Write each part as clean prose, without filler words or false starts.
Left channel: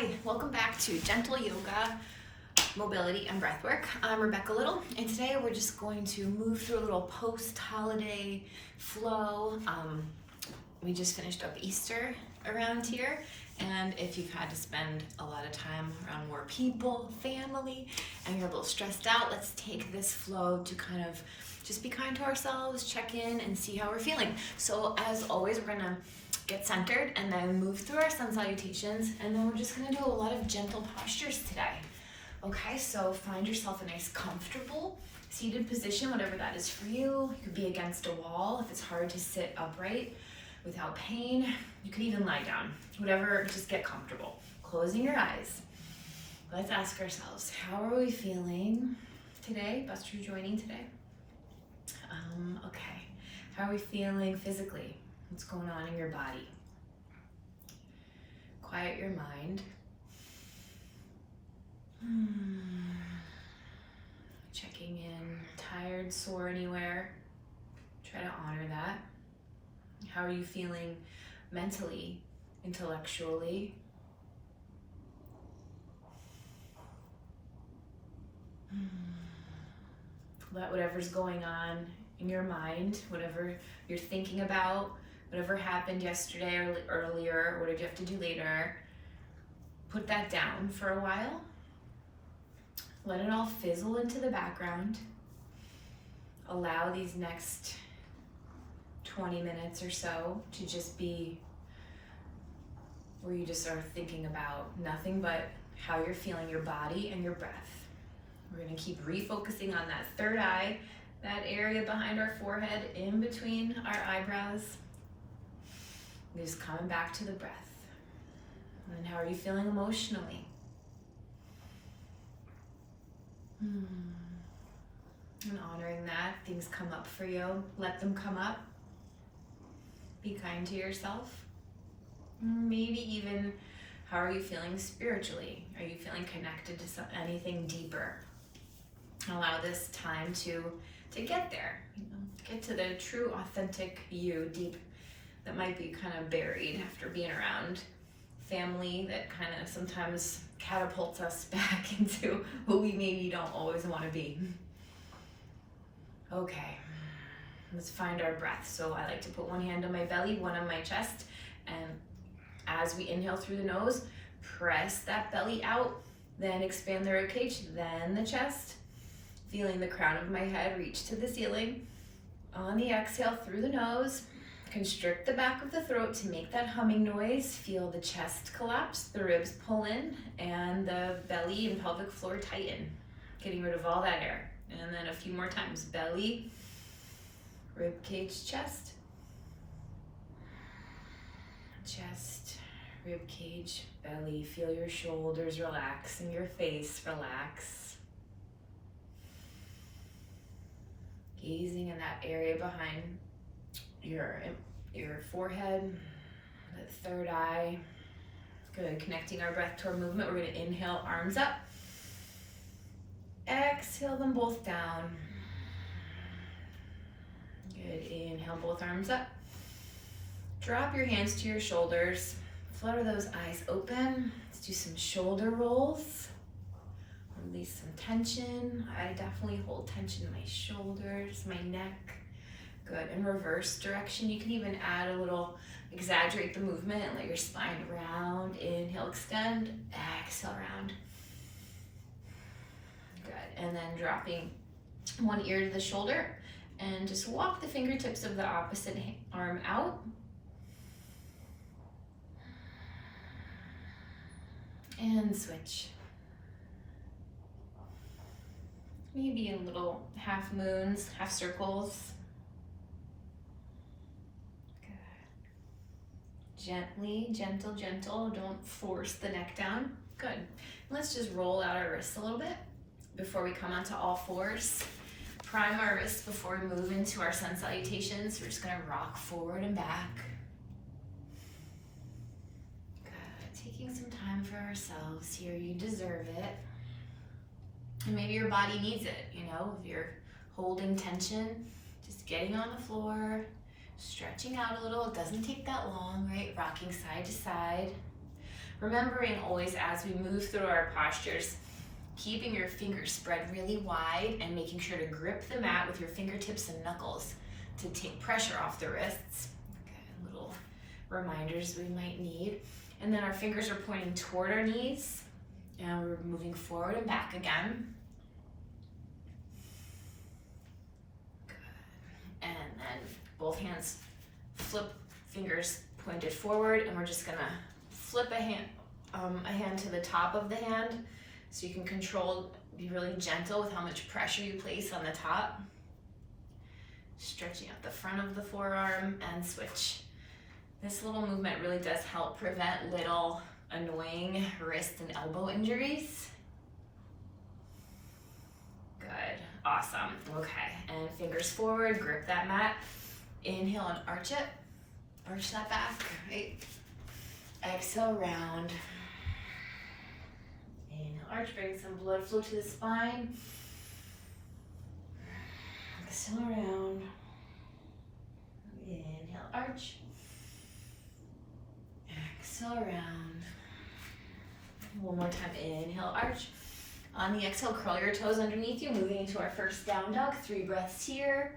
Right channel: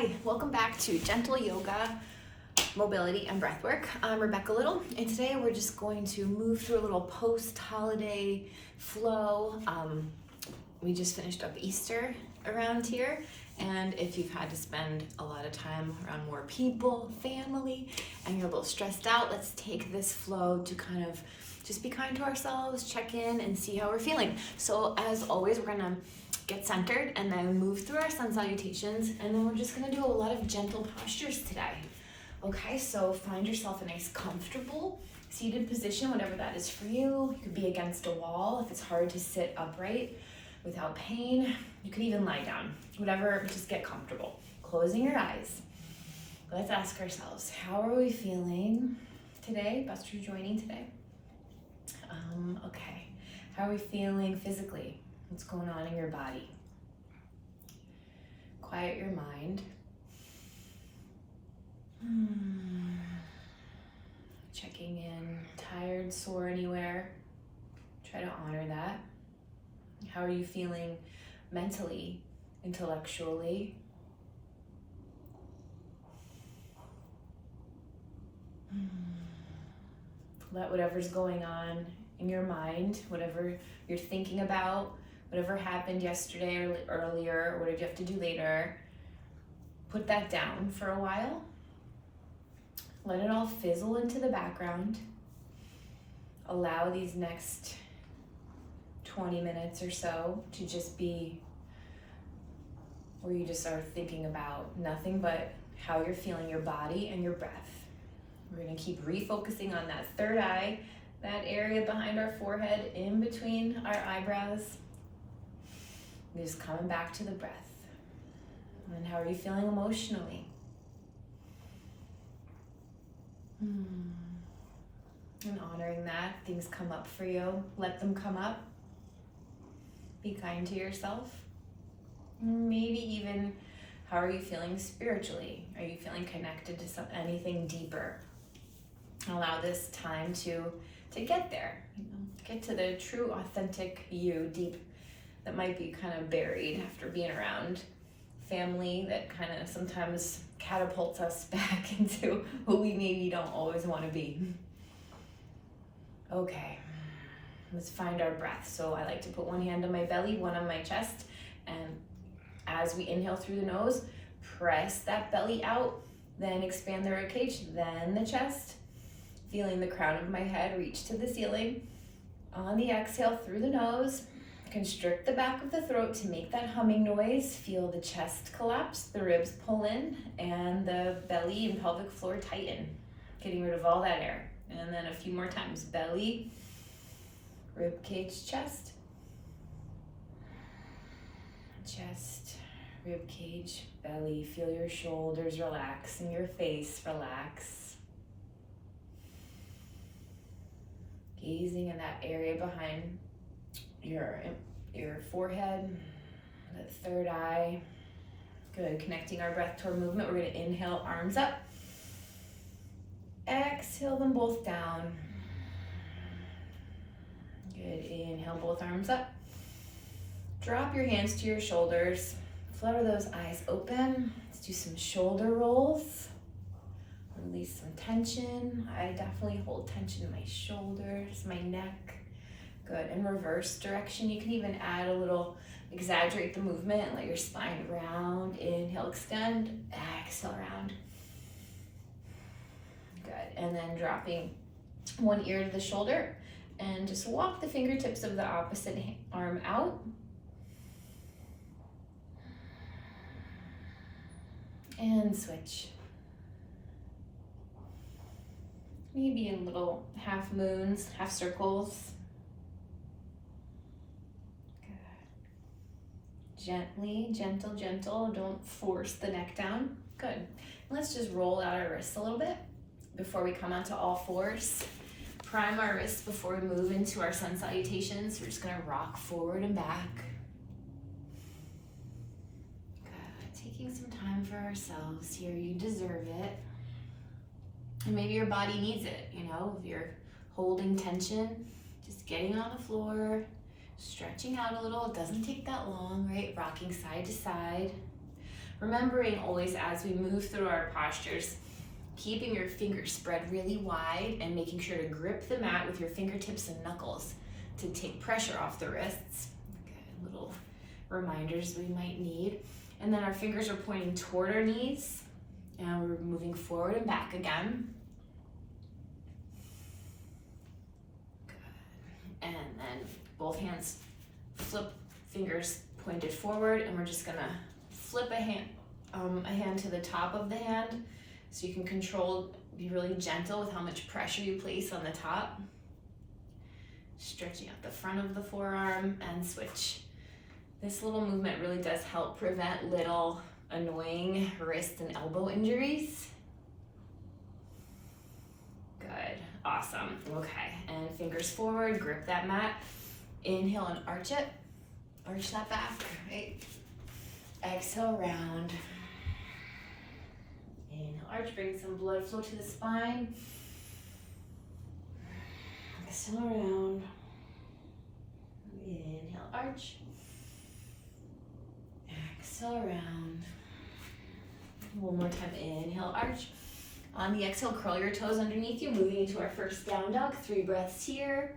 Hi, welcome back to Gentle Yoga, Mobility, and Breathwork. I'm Rebecca Little, and today we're just going to move through a little post-holiday flow. We just finished up Easter around here, and if you've had to spend a lot of time around more people, family, and you're a little stressed out, let's take this flow to kind of just be kind to ourselves, check in, and see how we're feeling. So as always, we're gonna get centered and then move through our sun salutations, and then we're just gonna do a lot of gentle postures today. Okay, so find yourself a nice comfortable seated position, whatever that is for you. You could be against a wall if it's hard to sit upright without pain. You could even lie down, whatever, just get comfortable. Closing your eyes. Let's ask ourselves, how are we feeling today? Best for joining today. Okay, how are we feeling physically? What's going on in your body? Quiet your mind. Checking in, tired, sore anywhere. Try to honor that. How are you feeling mentally, intellectually? Let whatever's going on in your mind, whatever you're thinking about, whatever happened yesterday or earlier, or what did you have to do later, put that down for a while. Let it all fizzle into the background. Allow these next 20 minutes or so to just be where you just are thinking about nothing but how you're feeling your body and your breath. We're gonna keep refocusing on that third eye, that area behind our forehead, in between our eyebrows. And just coming back to the breath. And then how are you feeling emotionally? And honoring that, things come up for you, let them come up. Be kind to yourself. Maybe even, how are you feeling spiritually? Are you feeling connected to anything deeper? Allow this time to get there, get to the true, authentic you, deep, that might be kind of buried after being around family that kind of sometimes catapults us back into who we maybe don't always want to be. Okay, let's find our breath. So I like to put one hand on my belly, one on my chest, and as we inhale through the nose, press that belly out, then expand the ribcage, then the chest, feeling the crown of my head reach to the ceiling. On the exhale through the nose, constrict the back of the throat to make that humming noise. Feel the chest collapse, the ribs pull in, and the belly and pelvic floor tighten, getting rid of all that air. And then a few more times, belly, rib cage, chest, chest, rib cage, belly. Feel your shoulders relax and your face relax. Gazing in that area behind your forehead, that third eye. Good, connecting our breath to our movement. We're gonna inhale, arms up. Exhale them both down. Good, inhale, both arms up. Drop your hands to your shoulders. Flutter those eyes open. Let's do some shoulder rolls. Release some tension. I definitely hold tension in my shoulders, my neck. Good, in reverse direction, you can even add a little, exaggerate the movement and let your spine round. Inhale, extend, exhale, round. Good, and then dropping one ear to the shoulder and just walk the fingertips of the opposite arm out. And switch. Maybe in little half moons, half circles. Good. Gently, gentle, gentle. Don't force the neck down. Good. Let's just roll out our wrists a little bit before we come onto all fours. Prime our wrists before we move into our sun salutations. We're just gonna rock forward and back. Good. Taking some time for ourselves here. You deserve it. And maybe your body needs it, if you're holding tension, just getting on the floor, stretching out a little. It doesn't take that long, right? Rocking side to side. Remembering always as we move through our postures, keeping your fingers spread really wide and making sure to grip the mat with your fingertips and knuckles to take pressure off the wrists. Okay, little reminders we might need. And then our fingers are pointing toward our knees and we're moving forward and back again. Good. And then both hands flip, fingers pointed forward, and we're just gonna flip a hand to the top of the hand so you can control, be really gentle with how much pressure you place on the top. Stretching out the front of the forearm and switch. This little movement really does help prevent little annoying wrist and elbow injuries. Good, awesome. Okay, and fingers forward, grip that mat. Inhale and arch it. Arch that back, right? Exhale, round. Inhale, arch, bring some blood flow to the spine. Exhale, round. Inhale, arch. Exhale, round. One more time, inhale, arch. On the exhale, curl your toes underneath you, moving into our first down dog. 3 breaths here.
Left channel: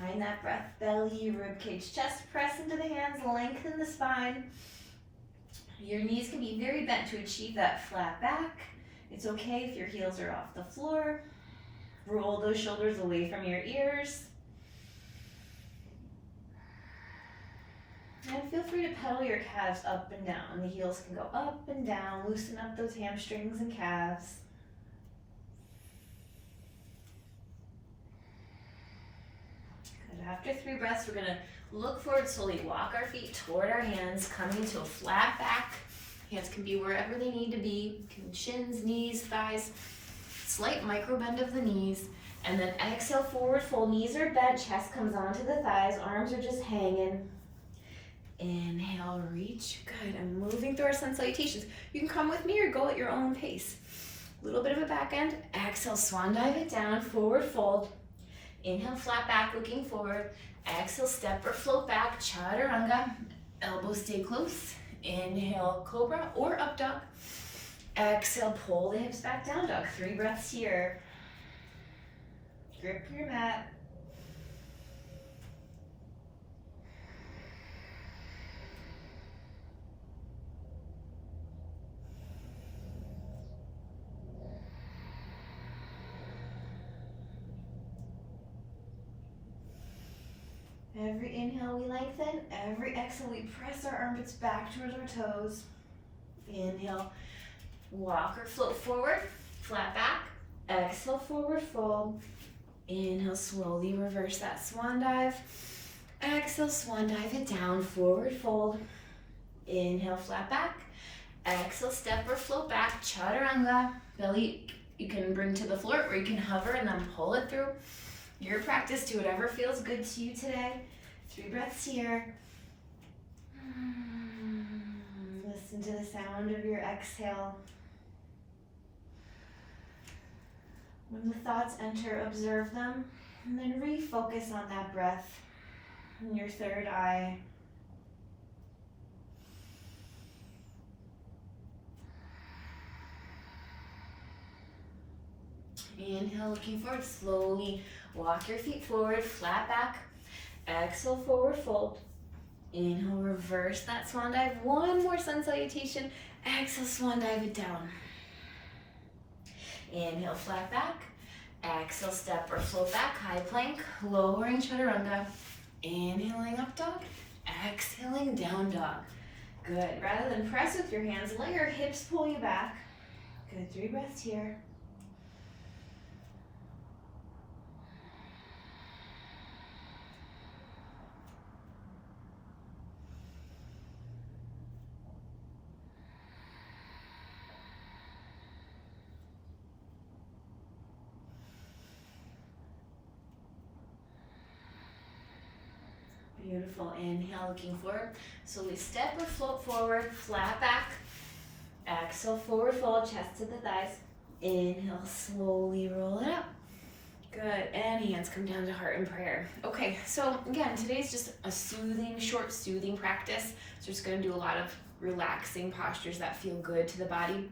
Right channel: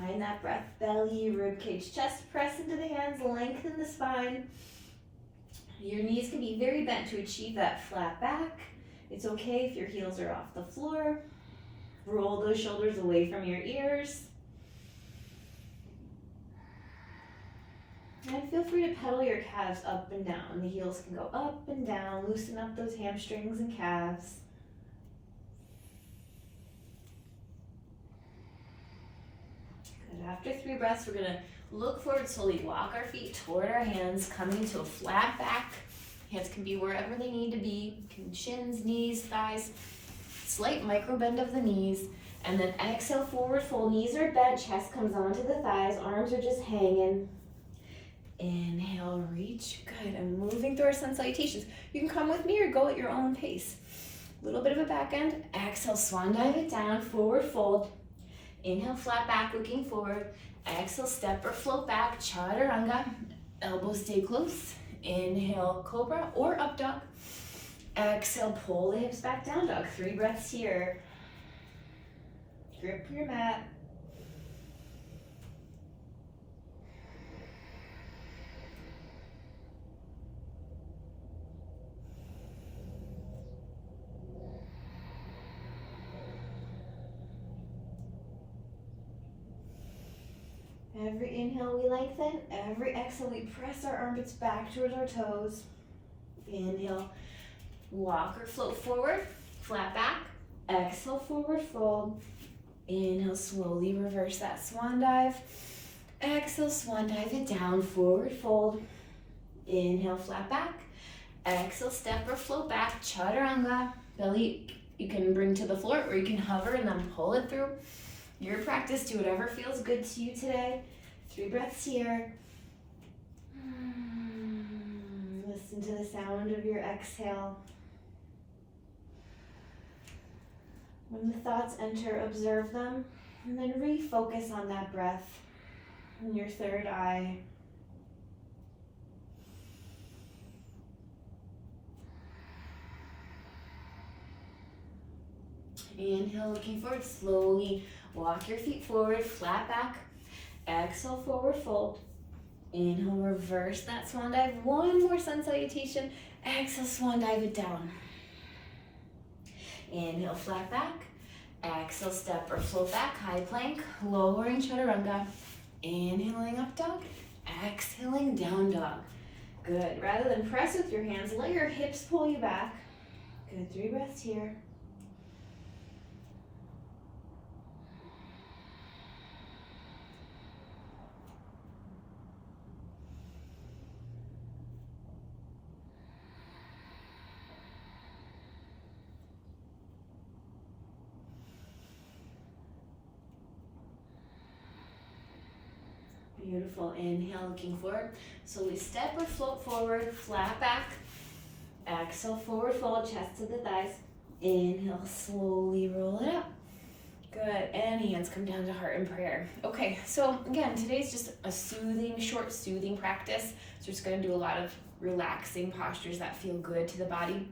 Find that breath, belly, rib cage, chest, press into the hands, lengthen the spine. Your knees can be very bent to achieve that flat back. It's okay if your heels are off the floor. Roll those shoulders away from your ears. And feel free to pedal your calves up and down. The heels can go up and down. Loosen up those hamstrings and calves. Good. After 3 breaths, we're gonna look forward, slowly walk our feet toward our hands, coming into a flat back. Hands can be wherever they need to be. Shins, knees, thighs. Slight micro bend of the knees. And then exhale, forward fold. Knees are bent, chest comes onto the thighs, arms are just hanging. Inhale, reach. Good. And moving through our sun salutations. You can come with me or go at your own pace. A little bit of a back end. Exhale, swan dive it down, forward fold. Inhale, flat back, looking forward. Exhale, step or float back, chaturanga. Elbows stay close. Inhale, cobra or up dog. Exhale, pull the hips back, down dog. 3 breaths here. Grip your mat. Every inhale we lengthen, every exhale we press our armpits back towards our toes. Inhale, walk or float forward, flat back. Exhale, forward fold. Inhale, slowly reverse that swan dive. Exhale, swan dive it down, forward fold. Inhale, flat back. Exhale, step or float back, chaturanga. Belly you can bring to the floor or you can hover and then pull it through. Your practice, do whatever feels good to you today. 3 breaths here. Listen to the sound of your exhale. When the thoughts enter, observe them, and then refocus on that breath in your third eye. Inhale, looking forward, slowly walk your feet forward, flat back. Exhale, forward fold. Inhale, reverse that swan dive. One more sun salutation. Exhale, swan dive it down. Inhale, flat back. Exhale, step or float back, high plank, lowering chaturanga. Inhaling up dog, exhaling down dog. Good. Rather than press with your hands, let your hips pull you back. Good. 3 breaths here. Beautiful. Inhale, looking forward. So we step or float forward, flat back. Exhale, forward fold, chest to the thighs. Inhale, slowly roll it up. Good. And hands come down to heart in prayer. Okay, so again, today's just a soothing, short soothing practice. So just going to do a lot of relaxing postures that feel good to the body.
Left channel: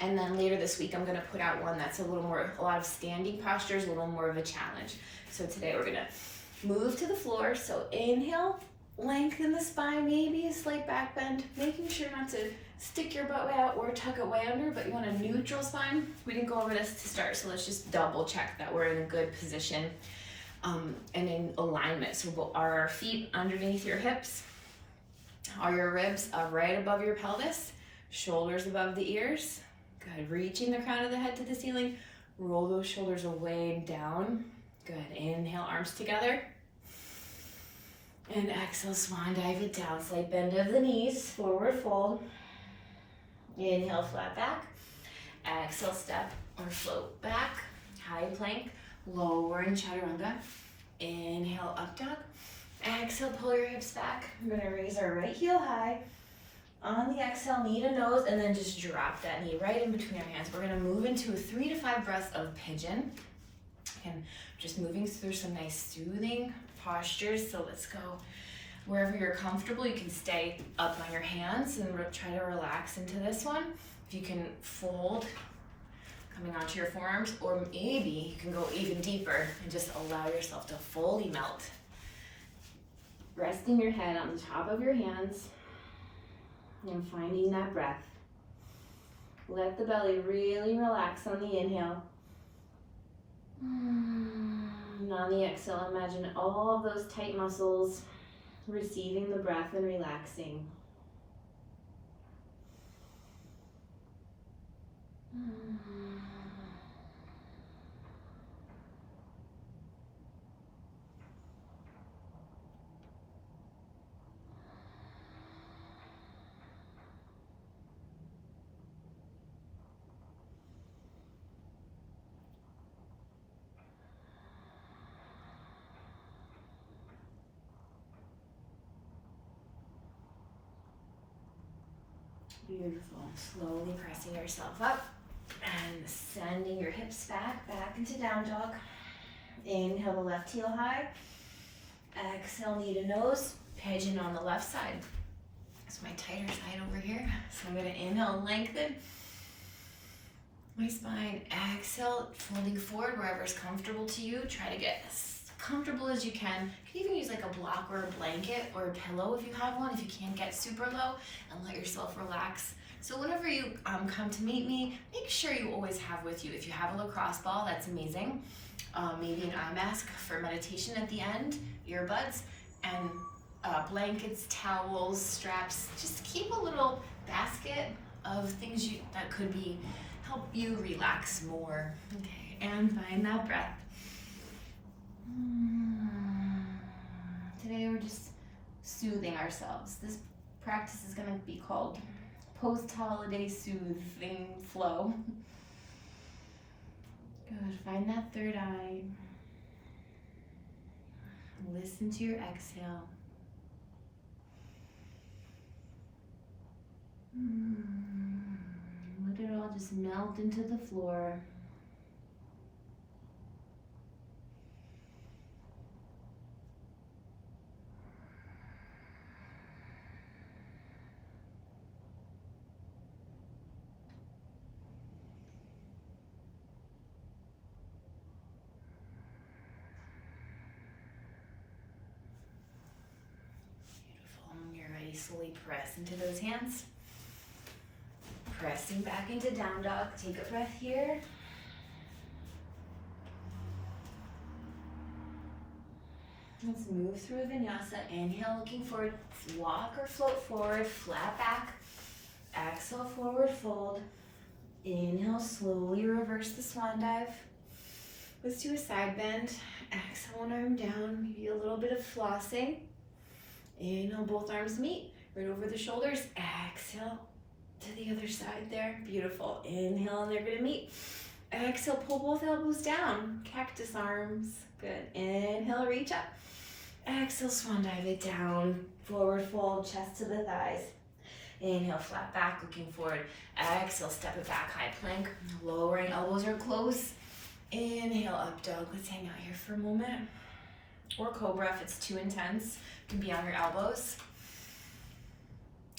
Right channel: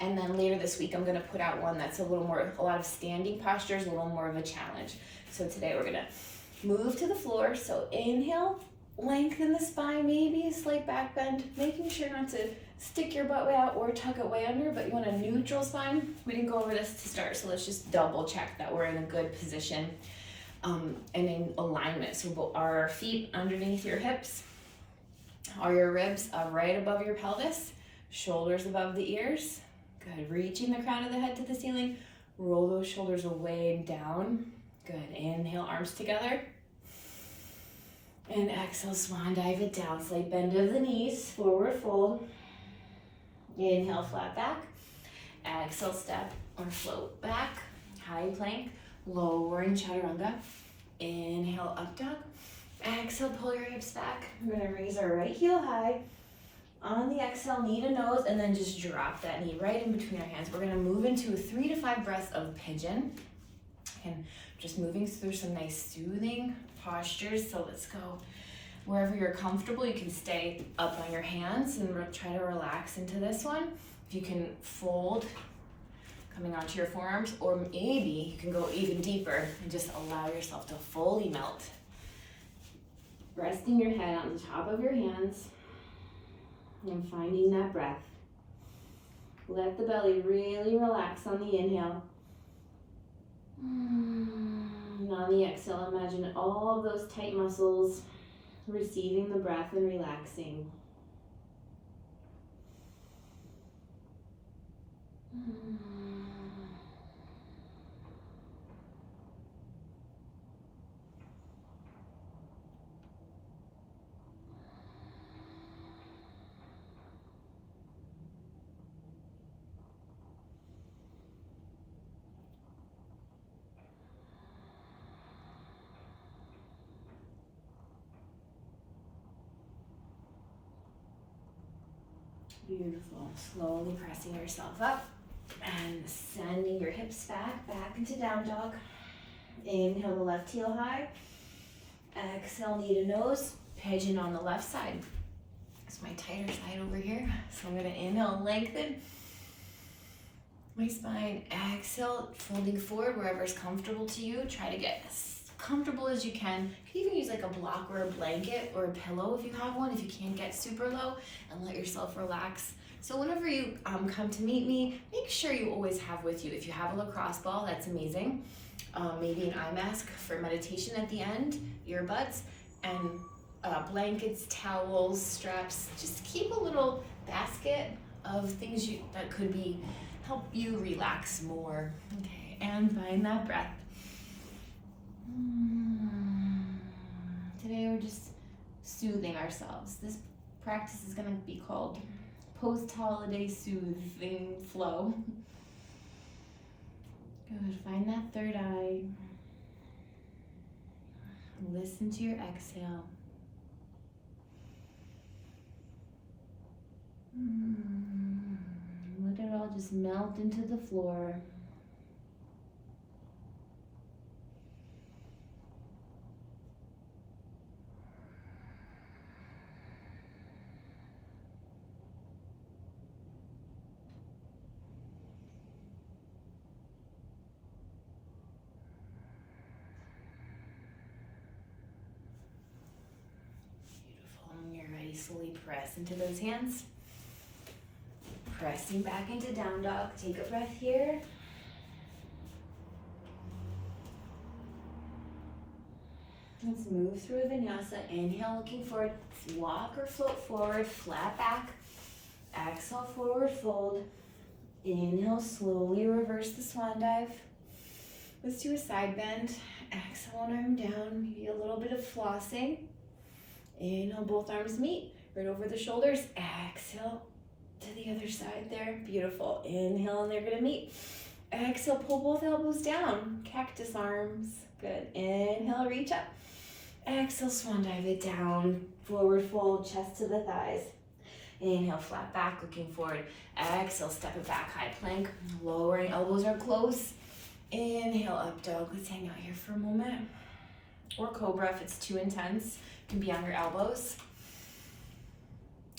And then later this week, I'm gonna put out one that's a lot of standing postures, a little more of a challenge. So today we're gonna move to the floor. So inhale, lengthen the spine, maybe a slight back bend, making sure not to stick your butt way out or tuck it way under, but you want a neutral spine. We didn't go over this to start, so let's just double check that we're in a good position and in alignment. So are our feet underneath your hips? Are your ribs right above your pelvis? Shoulders above the ears? Good, reaching the crown of the head to the ceiling. Roll those shoulders away and down. Good, inhale, arms together. And exhale, swan dive it down. Slight bend of the knees, forward fold. Inhale, flat back. Exhale, step or float back. High plank, lowering chaturanga. Inhale, up dog. Exhale, pull your hips back. We're gonna raise our right heel high. On the exhale, knee to nose, and then just drop that knee right in between our hands. We're gonna move into a 3 to 5 breaths of pigeon. And just moving through some nice soothing postures. So let's go wherever you're comfortable. You can stay up on your hands and try to relax into this one. If you can fold, coming onto your forearms, or maybe you can go even deeper and just allow yourself to fully melt. Resting your head on the top of your hands and finding that breath. Let the belly really relax on the inhale. And on the exhale, imagine all of those tight muscles receiving the breath and relaxing. Beautiful. Slowly pressing yourself up and sending your hips back into down dog. Inhale the left heel high. Exhale, knee to nose. Pigeon on the left side. That's my tighter side over here. So I'm going to inhale and lengthen my spine. Exhale, folding forward wherever's comfortable to you. Try to get as comfortable as you can. You can even use like a block or a blanket or a pillow if you have one, if you can't get super low, and let yourself relax. So whenever you come to meet me, make sure you always have with you. If you have a lacrosse ball, that's amazing. Maybe an eye mask for meditation at the end, earbuds, and blankets, towels, straps. Just keep a little basket of things that could help you relax more. Okay, and find that breath. Today we're just soothing ourselves. This practice is going to be called post-holiday soothing flow. Good, find that third eye. Listen to your exhale. Let it all just melt into the floor. Fully press into those hands. Pressing back into down dog. Take a breath here. Let's move through a vinyasa. Inhale, looking forward. Walk or float forward. Flat back. Exhale, forward fold. Inhale, slowly reverse the swan dive. Let's do a side bend. Exhale, one arm down. Maybe a little bit of flossing. Inhale, both arms meet. Right over the shoulders. Exhale to the other side there. Beautiful. Inhale, and they're going to meet. Exhale, pull both elbows down. Cactus arms. Good. Inhale, reach up. Exhale, swan dive it down. Forward fold, chest to the thighs. Inhale, flat back, looking forward. Exhale, step it back, high plank. Lowering, elbows are close. Inhale, up dog. Let's hang out here for a moment. Or cobra if it's too intense. You can be on your elbows.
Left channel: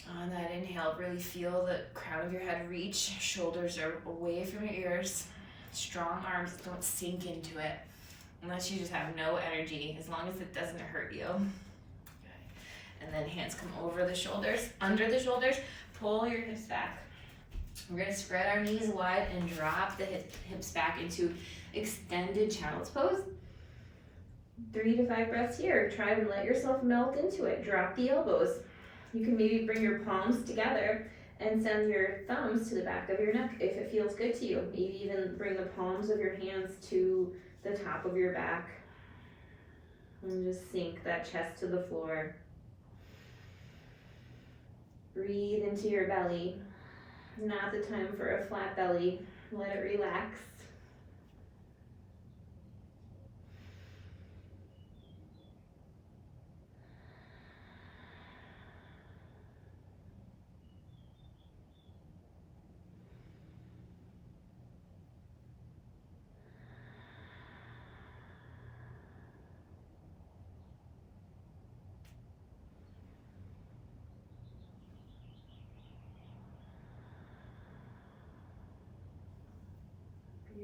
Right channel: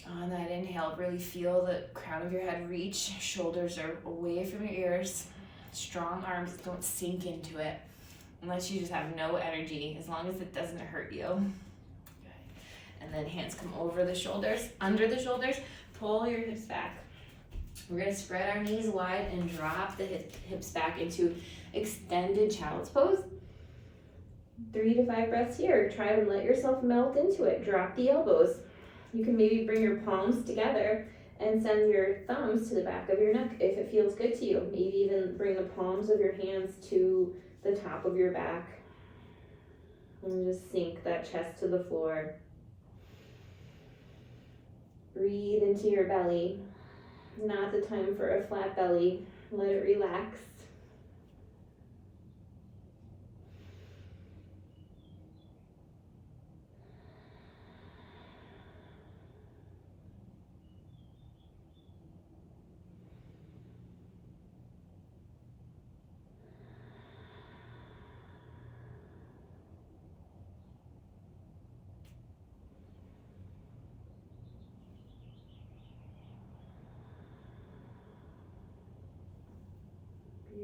On that inhale, really feel the crown of your head reach. Shoulders are away from your ears. Strong arms, don't sink into it unless you just have no energy, as long as it doesn't hurt you. And then hands come over the shoulders, under the shoulders, pull your hips back. We're gonna spread our knees wide and drop the hips back into extended child's pose. 3 to 5 breaths here. Try to let yourself melt into it. Drop the elbows. You can maybe bring your palms together and send your thumbs to the back of your neck if it feels good to you. Maybe even bring the palms of your hands to the top of your back. And just sink that chest to the floor. Breathe into your belly. Not the time for a flat belly. Let it relax.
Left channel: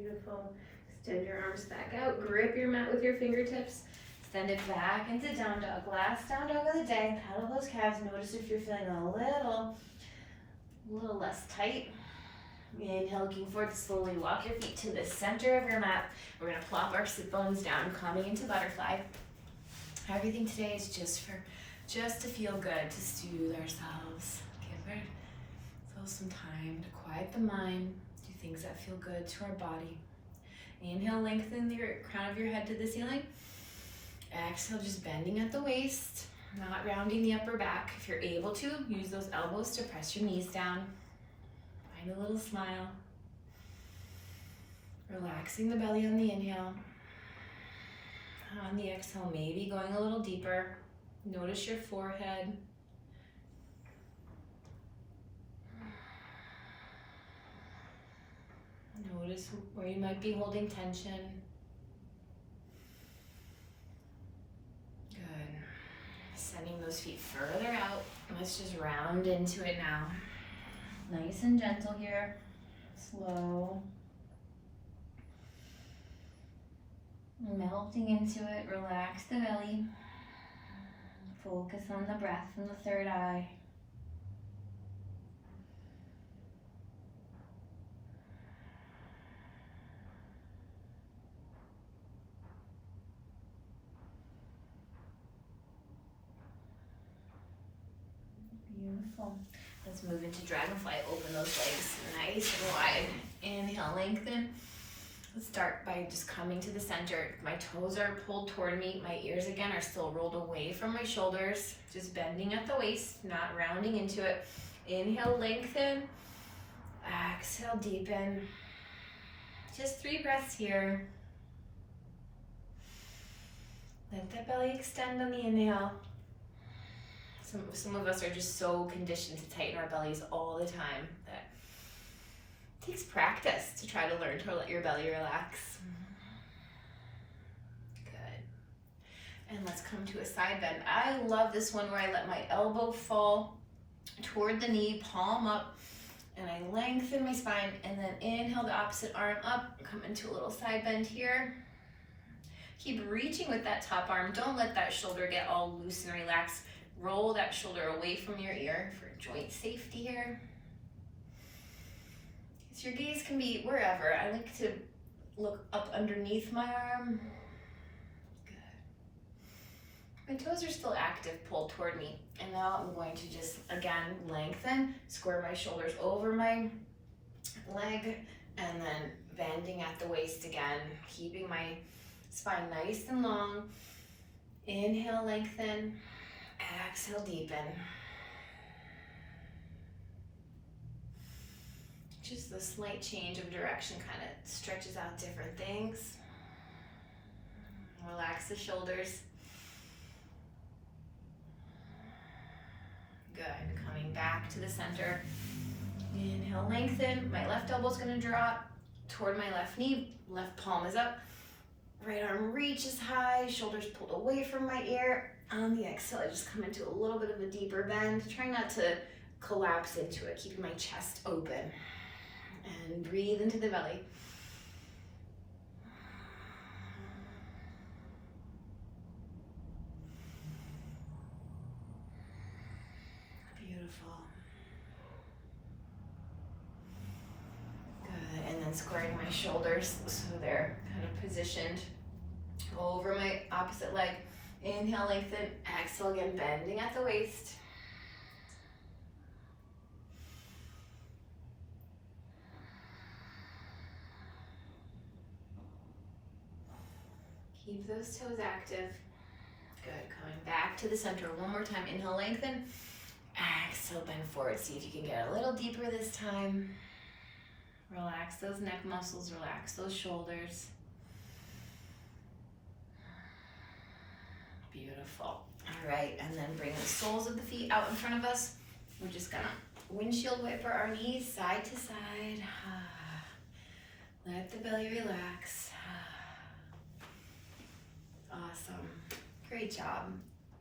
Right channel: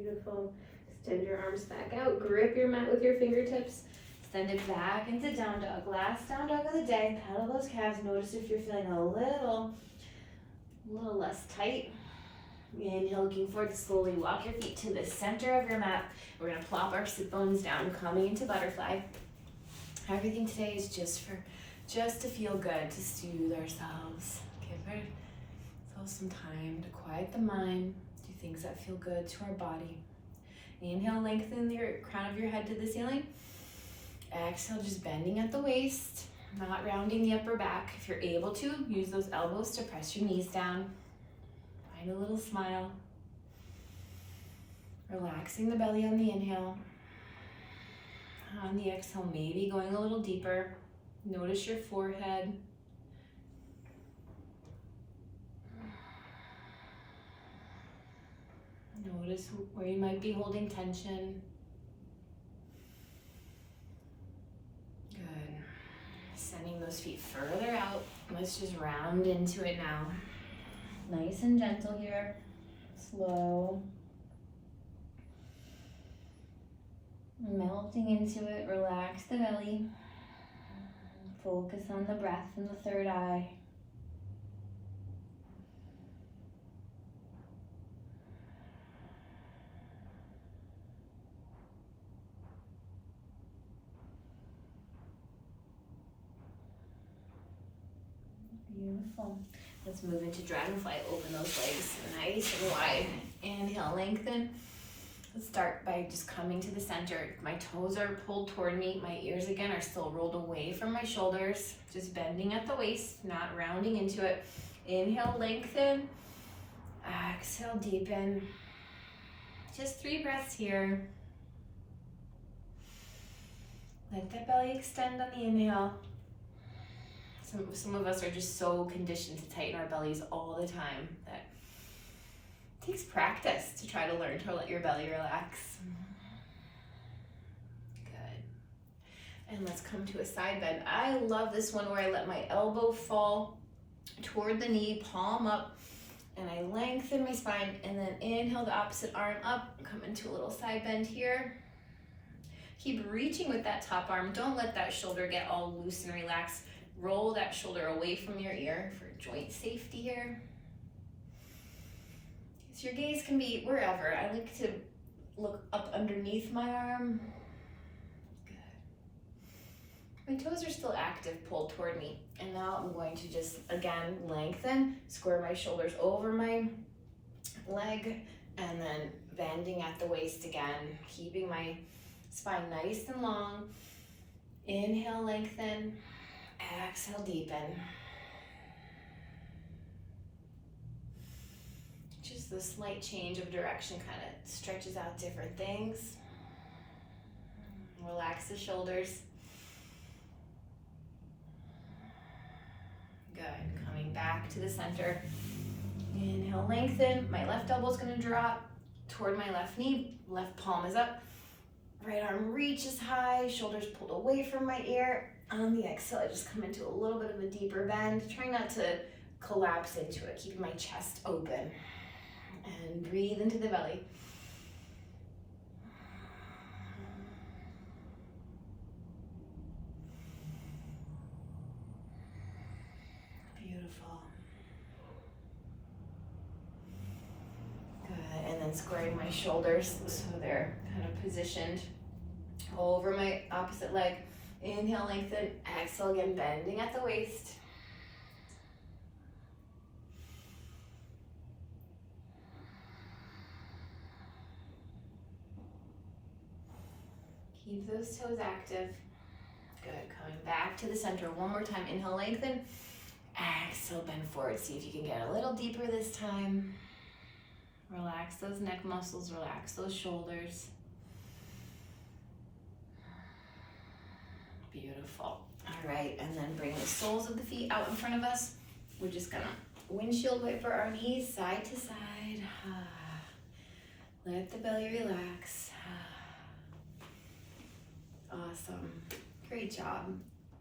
Beautiful. Extend your arms back out. Grip your mat with your fingertips. Extend it back into down dog. Last down dog of the day. Pedal those calves. Notice if you're feeling a little less tight. Inhale, looking forward. Slowly walk your feet to the center of your mat. We're going to plop our sit bones down, coming into butterfly. Everything today is just to feel good, to soothe ourselves. Give ourselves some time to quiet the mind. Things that feel good to our body. Inhale, lengthen your crown of your head to the ceiling. Exhale, just bending at the waist, not rounding the upper back. If you're able to, use those elbows to press your knees down. Find a little smile. Relaxing the belly on the inhale. On the exhale, maybe going a little deeper. Notice your forehead. Notice where you might be holding tension. Good. Sending those feet further out. Let's just round into it now. Nice and gentle here. Slow. Melting into it. Relax the belly. Focus on the breath in the third eye. Beautiful. Let's move into dragonfly. Open those legs nice and wide. Inhale, lengthen. Let's start by just coming to the center. My toes are pulled toward me. My ears again are still rolled away from my shoulders. Just bending at the waist, not rounding into it. Inhale, lengthen. Exhale, deepen. Just 3 breaths here. Let that belly extend on the inhale. Some of us are just so conditioned to tighten our bellies all the time that it takes practice to try to learn to let your belly relax. Good. And let's come to a side bend. I love this one where I let my elbow fall toward the knee, palm up, and I lengthen my spine, and then inhale the opposite arm up, come into a little side bend here. Keep reaching with that top arm. Don't let that shoulder get all loose and relaxed. Roll that shoulder away from your ear for joint safety here. So your gaze can be wherever. I like to look up underneath my arm. Good. My toes are still active, pulled toward me. And now I'm going to just, again, lengthen, square my shoulders over my leg, and then bending at the waist again, keeping my spine nice and long. Inhale, lengthen. Exhale, deepen. Just the slight change of direction kind of stretches out different things. Relax the shoulders. Good. Coming back to the center. Inhale, lengthen. My left elbow is going to drop toward my left knee. Left palm is up. Right arm reaches high. Shoulders pulled away from my ear. On the exhale, I just come into a little bit of a deeper bend. Try not to collapse into it, keeping my chest open. And breathe into the belly. Beautiful. Good, and then squaring my shoulders so they're kind of positioned over my opposite leg. Inhale, lengthen. Exhale, again, bending at the waist. Keep those toes active. Good, coming back to the center. One more time. Inhale, lengthen. Exhale, bend forward. See if you can get a little deeper this time. Relax those neck muscles, relax those shoulders. Beautiful. All right, and then bring the soles of the feet out in front of us. We're just gonna windshield wiper our knees side to side. Let the belly relax. Awesome. Great job.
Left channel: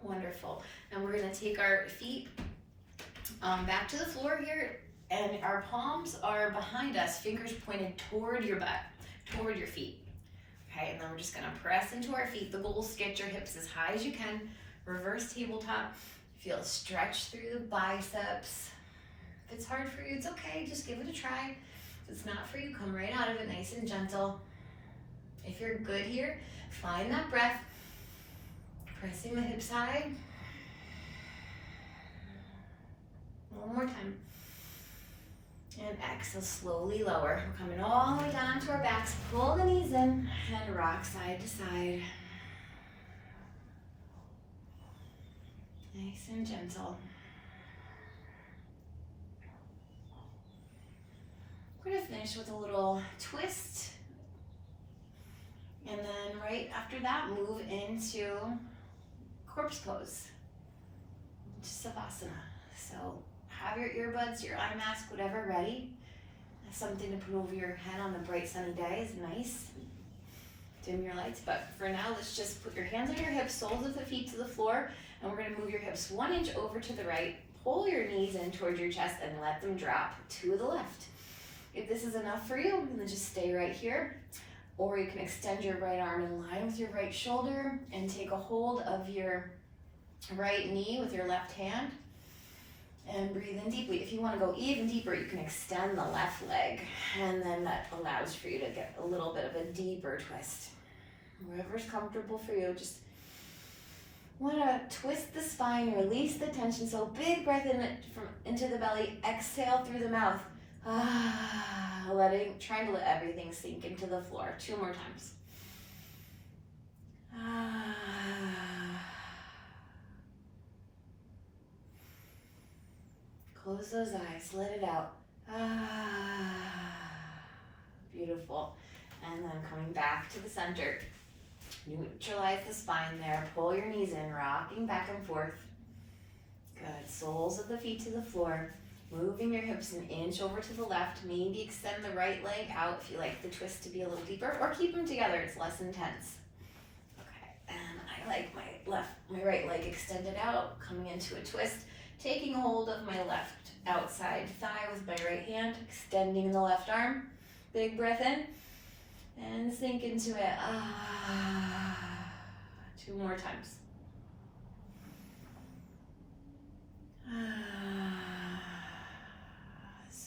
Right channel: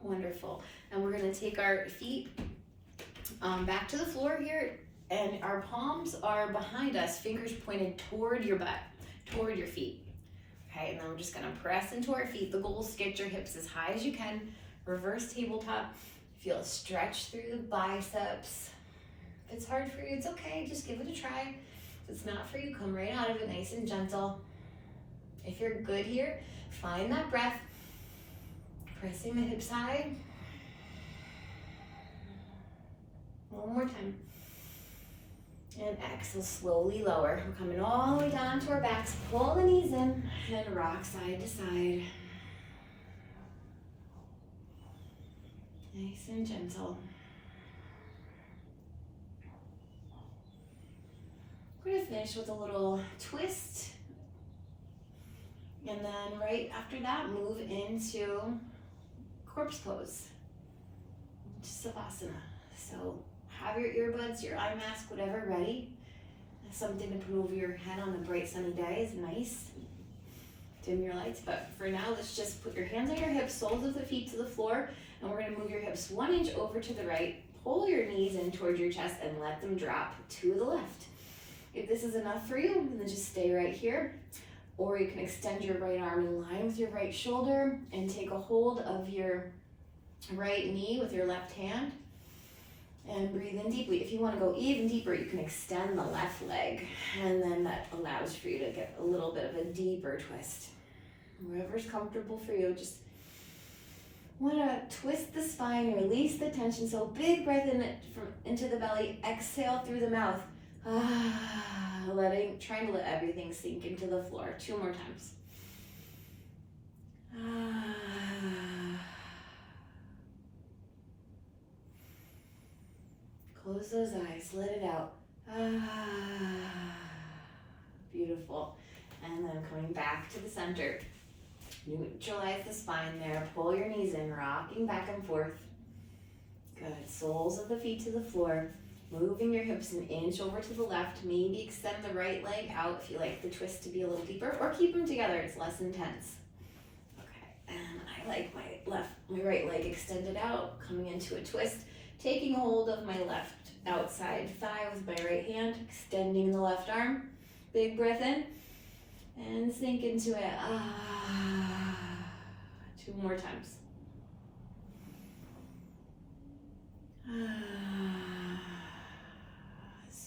Wonderful. And we're going to take our feet back to the floor here, and our palms are behind us, fingers pointed toward your butt, toward your feet. Okay, and then we're just going to press into our feet. The goal is to get your hips as high as you can. Reverse tabletop. Feel a stretch through the biceps. If it's hard for you, it's okay. Just give it a try. If it's not for you, come right out of it nice and gentle. If you're good here, find that breath. Pressing the hips high. One more time. And exhale, slowly lower. We're coming all the way down onto our backs. Pull the knees in and rock side to side. Nice and gentle. We're going to finish with a little twist. And then right after that, move into corpse pose, to Savasana. So have your earbuds, your eye mask, whatever ready. Something to put over your head on a bright sunny day is nice. Dim your lights, but for now, let's just put your hands on your hips, soles of the feet to the floor, and we're going to move your hips 1 inch over to the right. Pull your knees in towards your chest and let them drop to the left. If this is enough for you, then just stay right here. Or you can extend your right arm in line with your right shoulder and take a hold of your right knee with your left hand and breathe in deeply. If you want to go even deeper, you can extend the left leg, and then that allows for you to get a little bit of a deeper twist. Whatever's comfortable for you. Just want to twist the spine, release the tension. So big breath into the belly, exhale through the mouth. Trying to let everything sink into the floor. 2 more times. Close those eyes, let it out. Beautiful. And then coming back to the center. Neutralize the spine there. Pull your knees in, rocking back and forth. Good. Soles of the feet to the floor. Moving your hips 1 inch over to the left. Maybe extend the right leg out if you like the twist to be a little deeper, or keep them together, it's less intense. Okay, and I like my right leg extended out, coming into a twist, taking hold of my left outside thigh with my right hand, extending the left arm. Big breath in, and sink into it. 2 more times.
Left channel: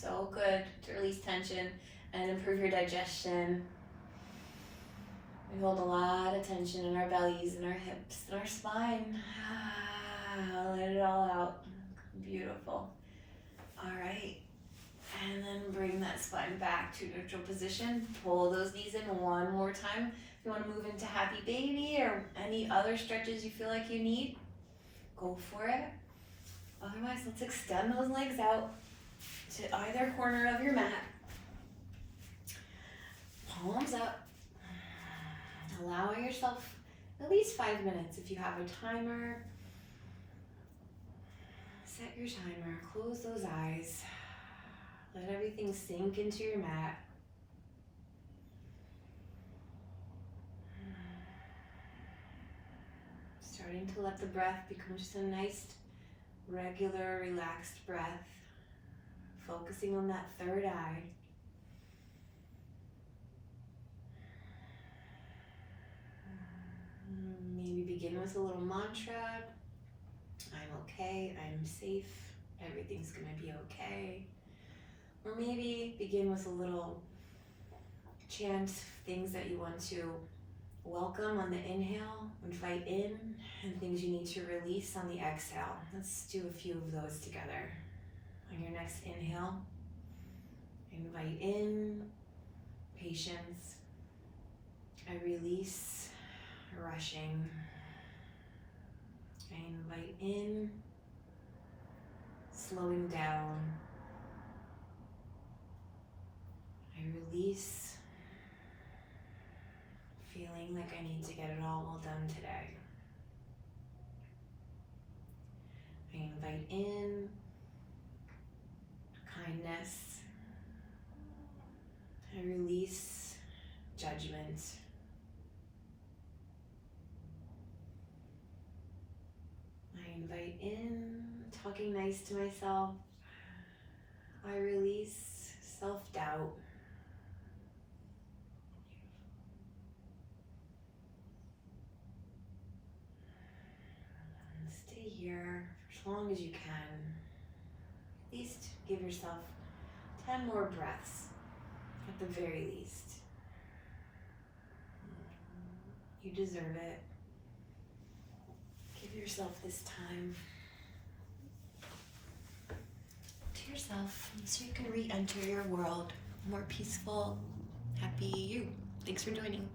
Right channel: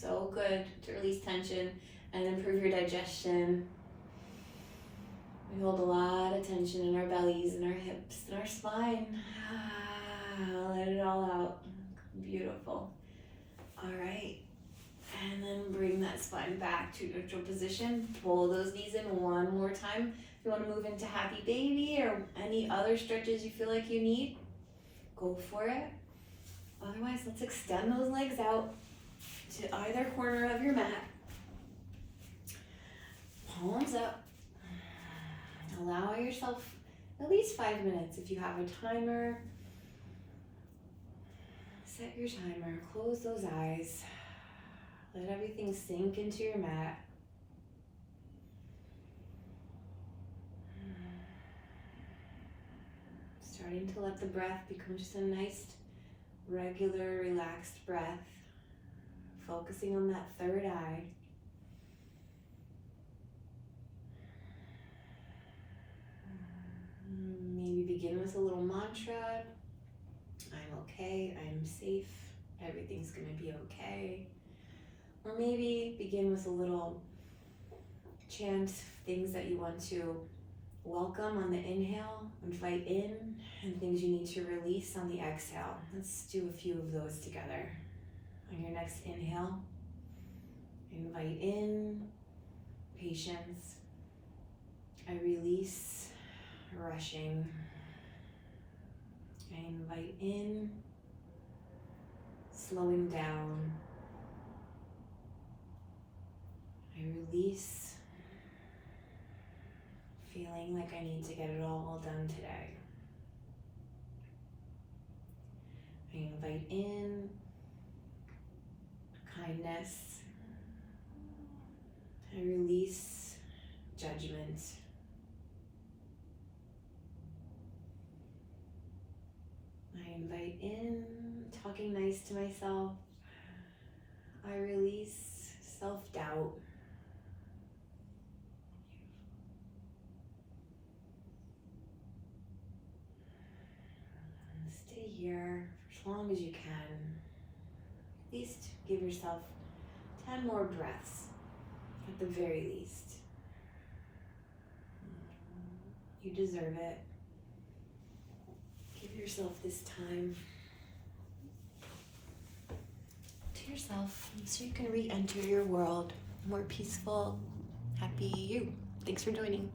So good to release tension and improve your digestion. We hold a lot of tension in our bellies and our hips and our spine. Let it all out. Beautiful. All right. And then bring that spine back to neutral position. Pull those knees in 1 more time. If you want to move into happy baby or any other stretches you feel like you need, go for it. Otherwise, let's extend those legs out to either corner of your mat. Palms up. Allowing yourself at least 5 minutes. If you have a timer, set your timer. Close those eyes. Let everything sink into your mat. Starting to let the breath become just a nice, regular, relaxed breath. focusing on that third eye. Maybe begin with a little mantra. I'm okay, I'm safe, everything's gonna be okay. Or maybe begin with a little chant, things that you want to welcome on the inhale, invite in, and things you need to release on the exhale. Let's do a few of those together. On your next inhale, invite in patience. I release rushing. I invite in slowing down. I release feeling like I need to get it all done today. I invite in kindness. I release judgment. I invite in talking nice to myself. I release self-doubt. Stay here for as long as you can. At least give yourself 10 more breaths, at the very least. You deserve it. Give yourself this time to yourself so you can re-enter your world more peaceful, happy you. Thanks for joining.